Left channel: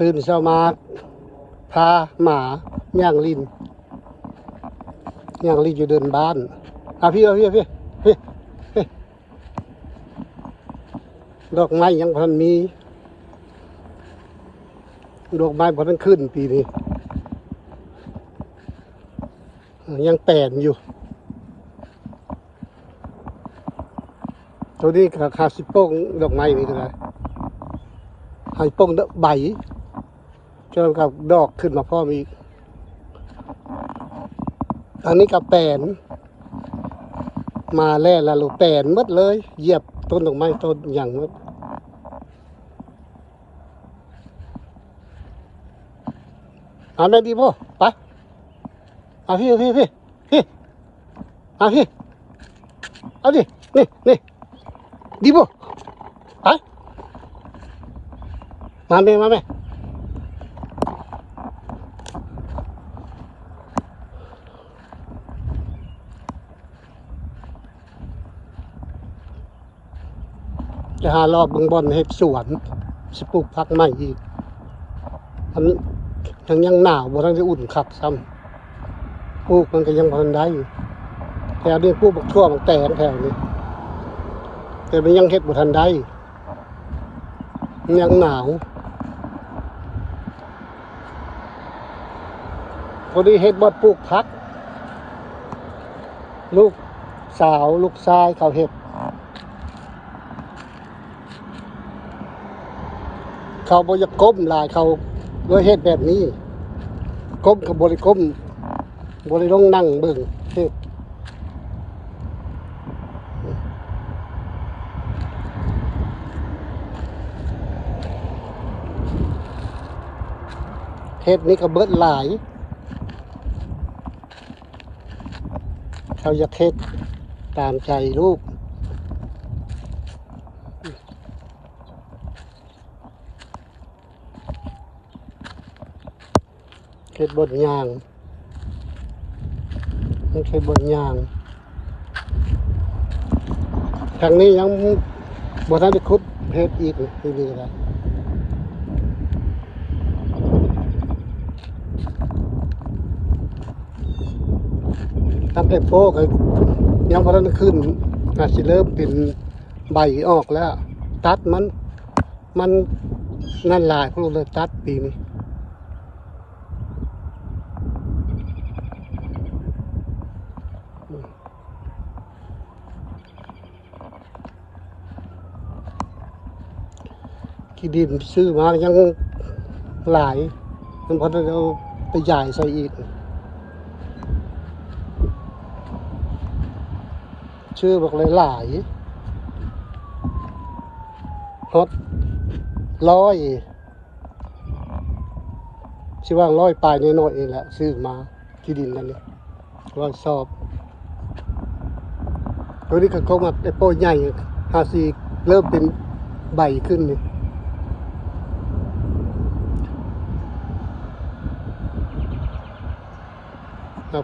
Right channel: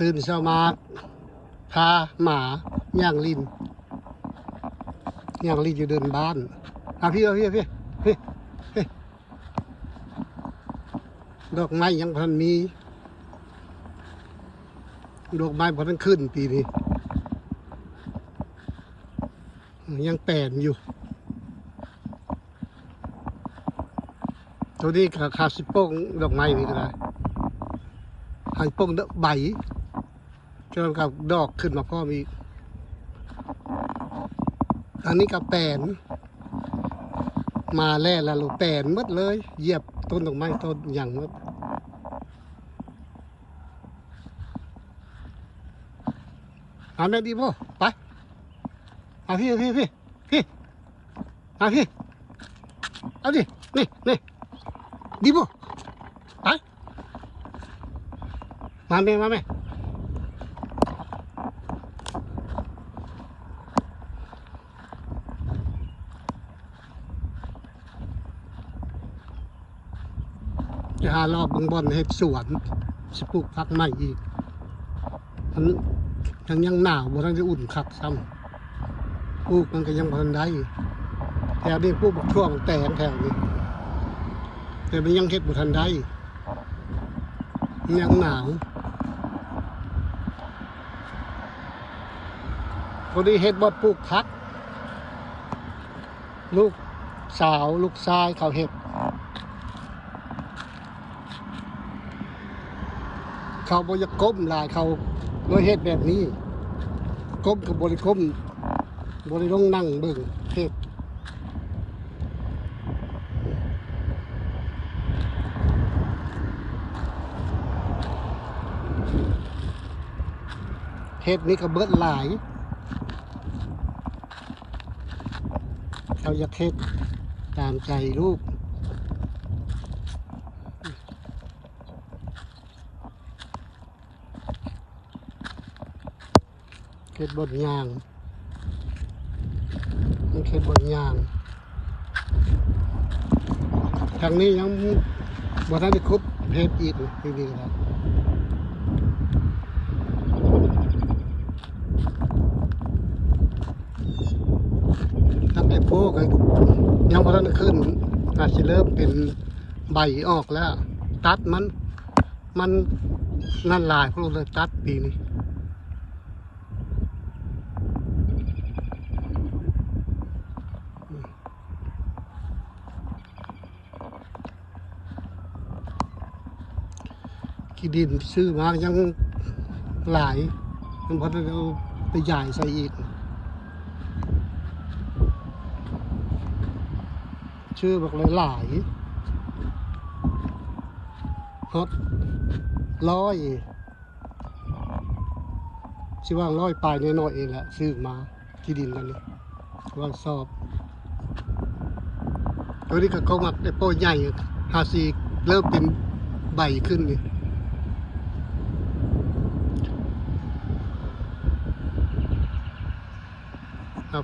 ตื่นเช้ามาพาหมาย่างลินอยู่เดินบ้านพี่ดอกไม้ยังพันมีดอกไม้พันขึ้นปีนี้ยังแปลนอยู่ตัวนี้ขาดสิโป้งดอกไม้นี่ก็ได้ให้โป้งใบก็กับดอกขึ้นมาพ่อมีอันนี้กับแปลนมาแล้วละลูกแปลนหมดเลยเหยียบต้นดอกไม้ต้นอย่างหมดแม่ดีพ่อไปพี่พี่เอาดินี่ดีพ่อไปมาแม่จะหารอบบึงบอลให้สวนสิปลูกพักใหม่อีกอันยังหนาวบ่ทันจะอุ่นคักซ้ำปลูกมันก็ยังบ่ทันได้แถวนี้ปลูกบักทั่วบักแตงแถวนี้แต่มันยังเฮ็ดบ่ทันได้ยังหนาวพอดีเฮ็ดบ่ปลูกพักลูกสาวลูกชายเขาเฮ็ดเขาบ่อยากก้มหลายเขาเลยเฮ็ดแบบนี้ก้มกับบริก้มบริลงนั่งเบิ่งเฮ็ดนี่ก็เบิดหลายเขาอยากเฮ็ดตามใจลูกเฮ็ดบนยางต้องใช้บนยางทางนี้ยังบ่ทันได้ขุดเฮ็ดอีกดีๆแล้วตั้งแต่โป้ก็ยังบ่ทันได้ขึ้นอาจสิเริ่มเป็นใบออกแล้วตัดมันนั่นหลายพวกเลยตัดปีนี้ที่ดินซื้อมายังหลายมันพอจะเอาไปใหญ่ใส่อีกชื่อบอกเลยหลายฮอตชื่อว่า100 ปลายน้อยๆเองแหละซื้อมาที่ดินกันเลยว่าสอบตัวนี้ก็มาไอ้โป้ใหญ่54เริ่มเป็นใบขึ้นนี่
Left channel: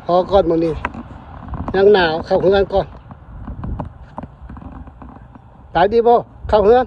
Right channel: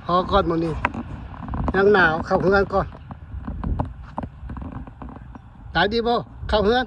พอก่อนมื้อนี้ยังหนาวเข้าเฮือนก่อนตายดีบ่เข้าเฮือน